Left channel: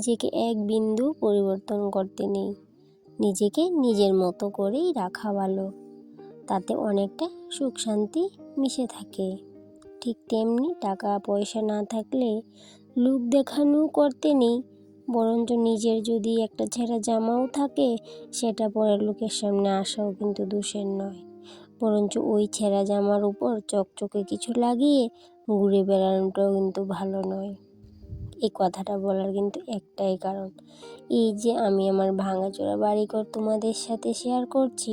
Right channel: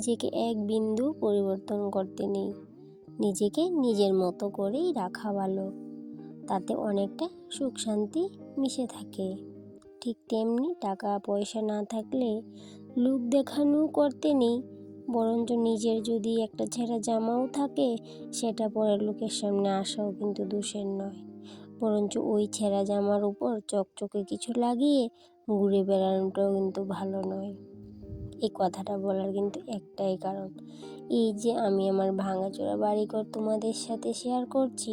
নিজেকে এক বিন্দু পরিবর্তন করতে নেই। নিজেকে নিজের মতো করেই রাখা ভালো। তাতে অনেকটা সুখ শান্তি মিশে থাকে। ঠিক তেমনি টাকা পয়সা না থাকলে লোক দেখানো করতে নেই, বরঞ্চ নিজের যদি একটা ছেঁড়া জামাও থাকে সেটা পরে লোকের সামনে আসাও কিন্তু দোষের নয়, বরঞ্চ ওই ছেঁড়া জামার উপর চকচকে কিছু লাগিয়ে ঘুরে বেড়ানোটাও কিন্তু ভালো নয়। এই কথাটা বলার কিন্তু একটাই কারণ, এই যে আমি আমার ভাঙাচোরা বাড়িঘর তোমাদের সাথে শেয়ার করছি,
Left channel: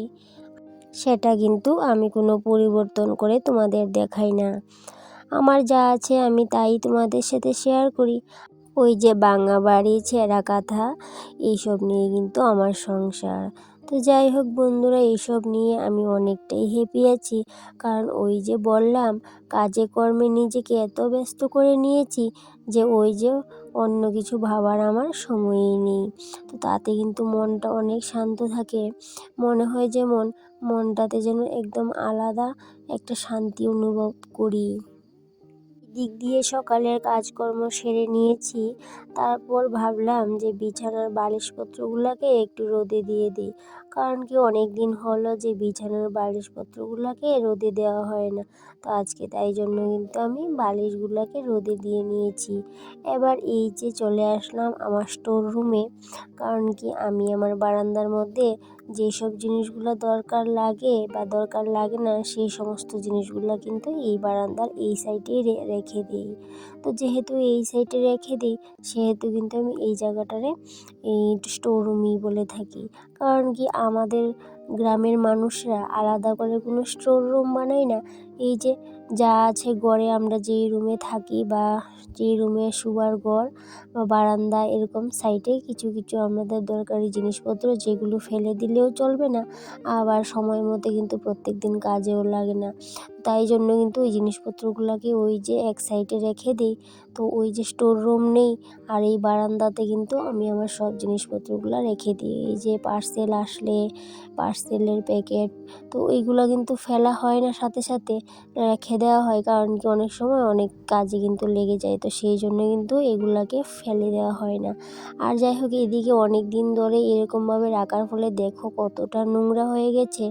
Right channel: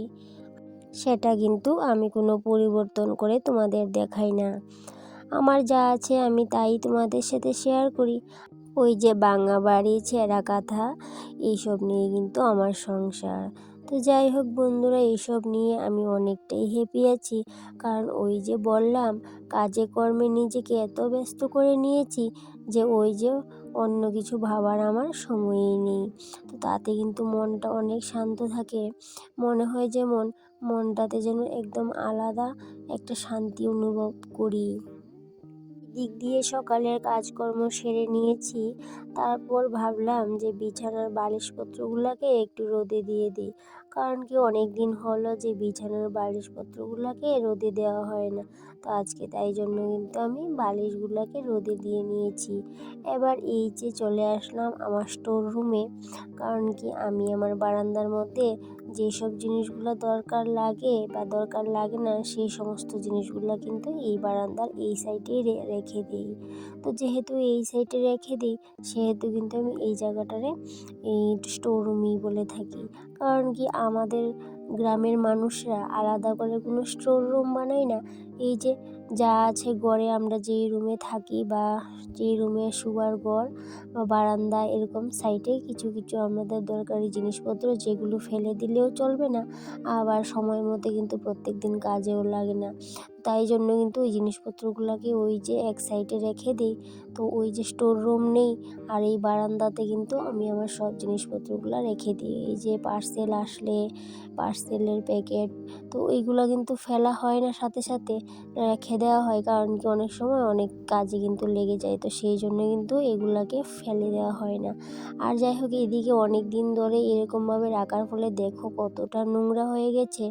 সেটা কিন্তু আমি কোনো পরিবর্তন করে তোমাদের দেখাই না। আমার যা আছে আমি তাই তোমাদের সাথে শেয়ার করি। ওই যে ভাঙা বাড়ি, ছেঁড়া কাঁথা, এইসব নিয়ে কিন্তু আমার সংসার। তো যাই হোক বন্ধুরা, এইসব নিয়ে আমি অনেকটাই হ্যাপি আছি। কারণ ওই যে বললাম, কাজে কর্মে নিজেকে এত ব্যস্ত করে নিয়েছি যে ওই যে অন্য কিছু ভাবার আমার সময়ই নেই। তো তাতে কিন্তু মনটা অনেক শান্ত থাকে। মনে হয় যেমন মনটাতে যেন একদম আলাদা একটা শান্তি অনুভব করি। দিক দিয়ে সকালের কাজকর্ম সেরে নিয়েছি। তারপর ভাবলাম যে বিছানার বালিশপত্রগুলোকে একটু রোদে দিয়ে দিই। কারণ কি, অনেক দিন হলো যে বিছানার বালিশপত্রগুলোকে রোদে দেওয়া হয় না। তো আজকে তাই জন্য কিন্তু আমি বালিশগুলোকে রোদে দিয়ে নিয়েছি। এবার এই যে চলে আসলাম আমার স্টোর রুমে। কারণ কি, আমি আমার বারান্দার মধ্যে যেসব জিনিসগুলো দরকার লাগে বা দরকার লাগে না সেই সমস্ত জিনিসগুলো কিন্তু এই বারান্দার এই সাইডেই রেখে দিই। তো যেহেতু এই সাইডে রেখে দিই, সেহেতু কিন্তু আমি এই জায়গাটারে এই স্টোর রুমই বলে থাকি। কারণ কি, আমাদের গ্রামের মানুষরা আলাদা করে কোনো স্টোর রুম বানায় না। এই যে যা আছে ঘরে, আমরা যেই রুমে থাকি বা যেই রুমে শোবার ঘর বা বারান্দা, এরকম সাইডে কিছু কিছু আমাদের দরকারি জিনিসপত্র যেগুলো ফেলে দিলেও চলবে না, আবার সময় মতো কিন্তু প্রত্যেক দিন কাজেও লাগে না। তাই জন্য কিন্তু ওই জিনিসপত্রগুলোকে ওই যে এক সাইডে রেখে দিই। তো ওই যে স্টোর রুম নেই, আর এই বারান্দাতে কিন্তু আমি আমার সব জিনিসপত্রগুলো রেখে দিই। এই যে পার্সেল আসলে পার্সেলের প্যাকেট, তো ওইগুলো কিন্তু ফেলা হয় না, সাথে সাথে রেখে দেওয়া হয়। কারণ কি, অনেক সময় অনেক কাজে কিন্তু লেগে যায়, তো সেই জন্য কিন্তু এগুলাকে ফেলে দেওয়া হয় না। আর যাই হোক, এদিকে অনেক দিন ধরে এরকমভাবে রাখার ফলে দেখো কতটা নোংরা হয়ে গেছে।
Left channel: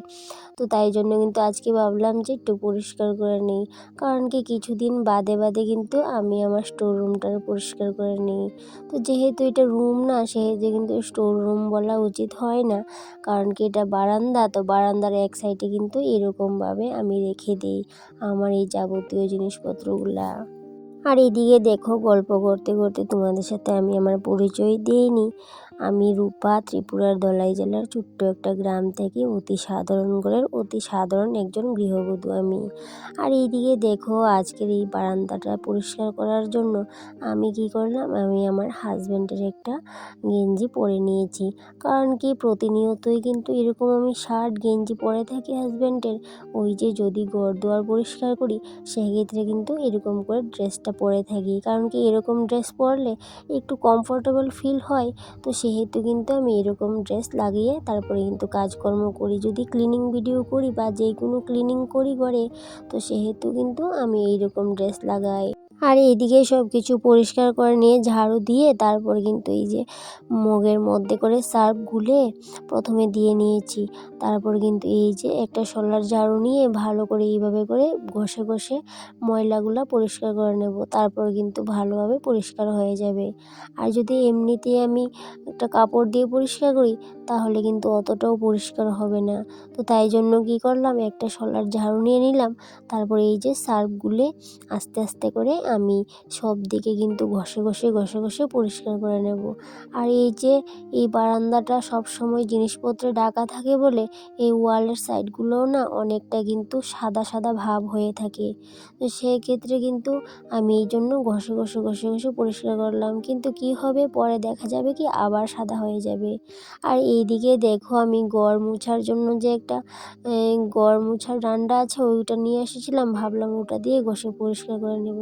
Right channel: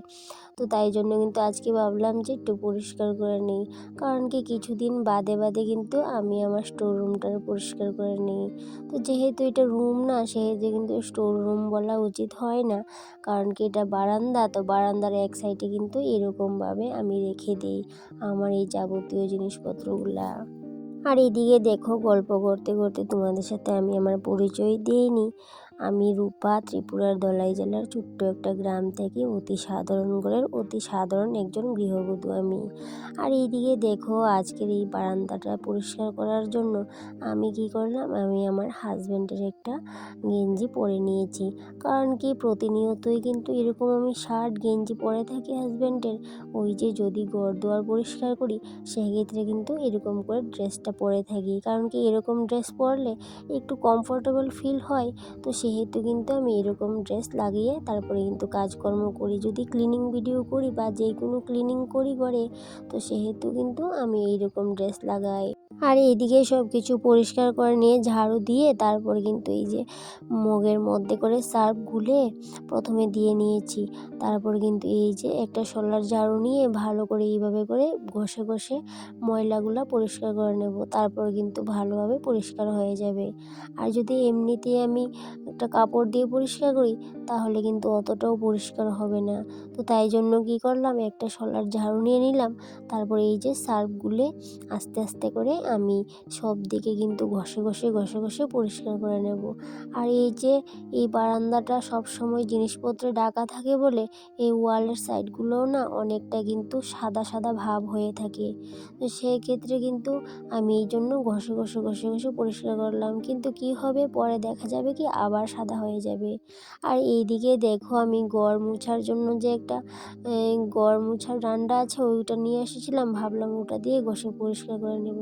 তো তাই জন্য কিন্তু আজকে ভাবলাম যে একটু পরিষ্কার করে নিই। কারণ কি, কিছুদিন বাদে বাদে কিন্তু আমি আমার স্টোর রুমটা পরিষ্কার করে নিই। তো যেহেতু এটা রুম না, সেহেতু কিন্তু স্টোর রুম বলা উচিত হয় না। কারণ কি, এটা বারান্দা, তো বারান্দার এক সাইডে কিন্তু এরকমভাবে আমি রেখে দিই আমার এই যাবতীয় জিনিসপত্রগুলা। আর এদিকে দেখো, গল্প করতে করতে তোমাদের সাথে আমি আমার পরিচয় দিইনি। আমি রূপা, ত্রিপুরার ধলাই জেলার ছোট্ট একটা গ্রাম থেকে অতি সাধারণ ঘরের অতি সাধারণ একজন গৃহবধূ আমি। আর এইদিকে দেখো, আজকের এই বারান্দাটা পরিষ্কার করার জন্য আমি কি করলাম, আমি আমার হাজব্যান্ডের একটা গেঞ্জি পরে নিয়েছি। কারণ কি, প্রতিনিয়তই কিন্তু এরকম আমি শার্ট গেঞ্জি পরে থাকি হাজব্যান্ডের। ওই যে যদি ঘর দুয়ার পরিষ্কার করি, সেক্ষেত্রে কিন্তু এরকম করে ড্রেসটা পরে থাকি। কারণ কি, এরকম ড্রেস পরলে একটু কমফোর্টেবল ফিল হয়। তো সেহেতু কিন্তু আমি এরকম ড্রেস লাগিয়ে তারপরে কিন্তু কাজকর্ম করি। যদি ক্লিনিং ভিডিও করি বা যে কোনো ক্লিনিং করি ঘরে, তো সেহেতু কিন্তু আমি এইরকম ড্রেস লাগাই। আর এইদিকে সব কিছু পরিষ্কার করে নিয়ে ঝাড়ু দিয়ে তারপর কিন্তু এই যে মগের মধ্যে করে সার্ফ গুলে প্রথমে দিয়ে নিয়েছি। তারপর কিন্তু এই যে একটা শলার ঝাড়ু নিয়ে ভালো করে এইভাবে করে ঘষে ঘষে ময়লাগুলো পরিষ্কার করে নেব। তারপর কিন্তু ভালোভাবে পরিষ্কার হয়ে যাবে। আর যদি এমনিতেই আমি একটা কাপড় দিয়ে পরিষ্কার করি, তাহলে কিন্তু অতটাও পরিষ্কার হবে না। তো তাই জন্য কি করলাম, একটা শলার ঝাড়ু নিয়ে নিলাম। তারপর এই যে সার্ফ গুলে আস্তে আস্তে করে আমি সব দিকে কিন্তু ঘষে ঘষে ঘষে ঘষে পরিষ্কার করে নেব। আর এই যে এই বারান্দাটা সব সময় জিনিসপত্রে ঢাকা থাকে বলে এই ওয়ালের সাইডগুলোও না অনেকটা কিন্তু সাদা সাদা ভাব হয়ে থাকে। তো সেক্ষেত্রে কিন্তু আমি এই জন্য ঘষে ঘষে ঘষে ঘষে পরিষ্কার করলাম। কিন্তু কি হবে, পরে দেখা যাবে কি আবার সাদা হয়ে যাবে। আর এইদিকে দেখো আমি ঘর মোছার জন্য যে একটা ঘর মোছার ডান্ডা আছে ওইটা নিয়ে এসেছিলাম, ভাবলাম ওটা দিয়ে ঘষে পরিষ্কার করে নেব,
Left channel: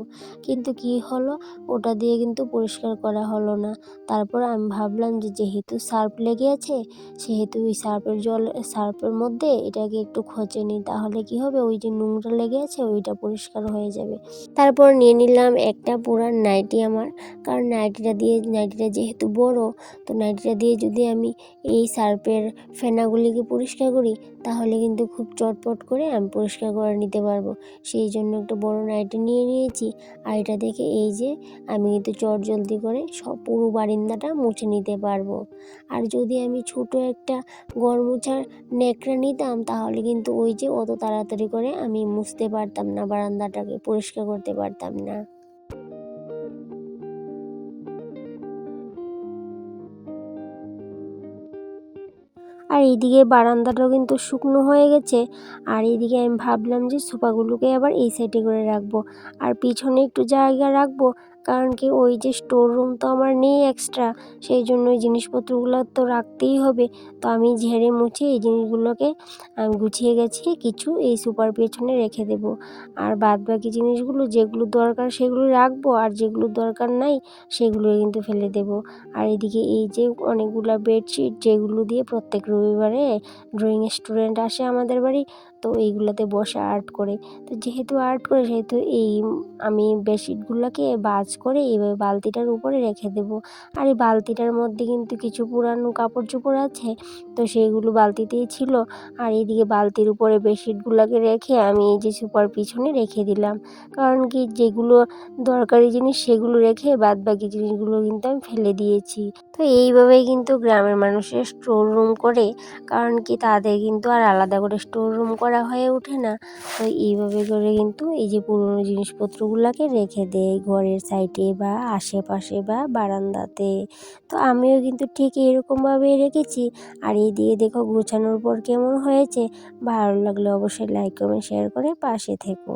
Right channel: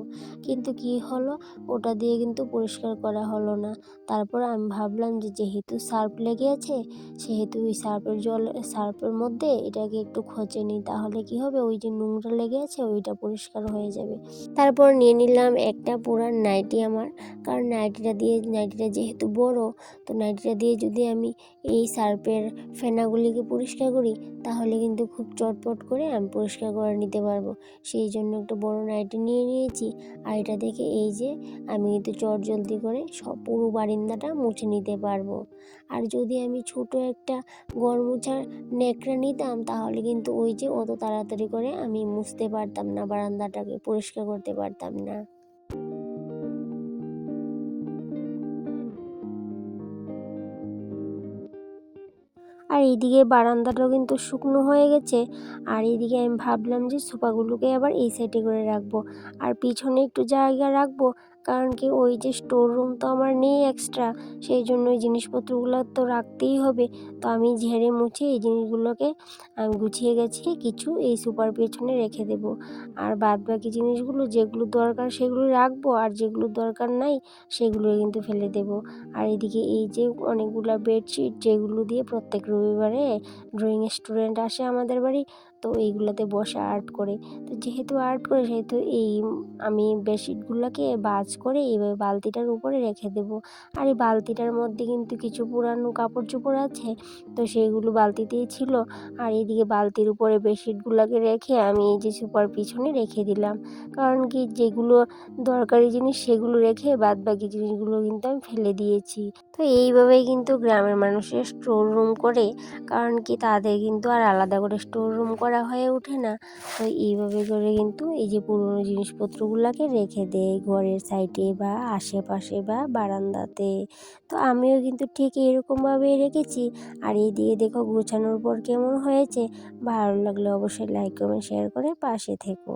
কিন্তু কি হলো, ওটা দিয়ে কিন্তু পরিষ্কার করা হলো না। তারপর আমি ভাবলাম যে যেহেতু সার্ফ লেগে আছে, সেহেতু ওই সার্ফের মধ্যে এটাকে একটু খোঁচে নিই, তাহলে কি হবে, ওই যে নোংরা লেগে আছে ওইটা পরিষ্কার হয়ে যাবে। তারপর নিয়ে নিলাম একটা পুরান নাইটি আমার, কারণ নাইটিটা যেহেতু বড়, তো নাইটিটা দিয়ে যদি আমি এই সার্ফের ফেনাগুলিকে পরিষ্কার করি তাহলে কিন্তু খুব চটপট করে আমি পরিষ্কার করে নিতে পারবো। সেই জন্য একটা বড় নাইটি নিয়ে নিয়েছি। আর এটা দেখে এই যে আমি কিন্তু চটজলদি করে সব পুরো বারান্দাটা মুছে নিতে পারবো। আর যদি আমি ছোট একটা ঘর মোছার ন্যাকড়া নিতাম তাহলে কিন্তু ওই যে অত তাড়াতাড়ি করে আমি মুছতে পারতাম না, বারান্দাটাকে পরিষ্কার করতে পারতাম না। আর এইদিকে বারান্দাটাও কিন্তু শুকনো হয়ে গেছে। আর এইদিকে আমি ভাবলাম যে সোফাগুলোকে আবার এই সাইডে করে রাখবো, আর পিছনে একটু জায়গা রাখবো, কারণ কি ওই যে স্টোর রুম তো আমার নেই এক্সট্রা, সেই জন্য ওই জিনিসপত্রগুলো তো রাখতেই হবে। তো আমি ঝেড়ে মুছে এই জিনিসগুলোকে আমি গুছিয়ে গেছি কিছু এই সোফার পেছনে রেখে দেবো। আর বাদ বাকি জিনিসগুলো যেগুলো দরকার সেগুলো রাখবো, আর যেগুলো দরকার নাই সেগুলো কিন্তু ফেলে দেবো। আর এদিকে এই যে অনেকগুলা বেডশিট, যেগুলো দিয়ে প্রত্যেক রবিবারে ড্রয়িং স্টুডেন্ট আসে আমাদের বাড়ি, তো এইগুলোতে বসে আর্ট করে। তো যেহেতু আর্ট করে সেহেতু আমি বেডশিটগুলোকে ভাঁজ করে এইভাবে বালতিটার উপরে রেখে দেবো। আর এই বালতিটার মধ্যে কিন্তু কিছু পুরানো কাপড় চোপড় আছে, তো সেইগুলো বালতিতেই ছিল। আর এইদিকে বালতির উপরে বেডশিটগুলোকে রেখে আমি এই যে সুপার পিছনে রেখে দিলাম, কারণ কি যেগুলো দরকারি জিনিস সেগুলো রেখে বাদ বাকি জিনিসগুলো কিন্তু আমি ফেলে দিয়েছি। তো এইভাবেই কিন্তু গ্রামের মানুষের স্টোর রুম করে, কারণ কি তাদের কিন্তু আর আলাদা করে স্টোর রুম করা হয়ে ওঠে না। তো এইভাবে করে কিন্তু এই যে পুরনো জিনিসপত্রগুলোকে রেখে দেয় ঘরের সাইডে বা আশেপাশে বা বারান্দাতে। তো আমিও কিন্তু ঠিক এরকমভাবেই রেখেছি। আর এই দিয়ে দেখো গোছানোর পর কেমন হয়েছে। ভালো লাগলে অবশ্যই লাইক কমেন্ট শেয়ার করে পাশে থেকো।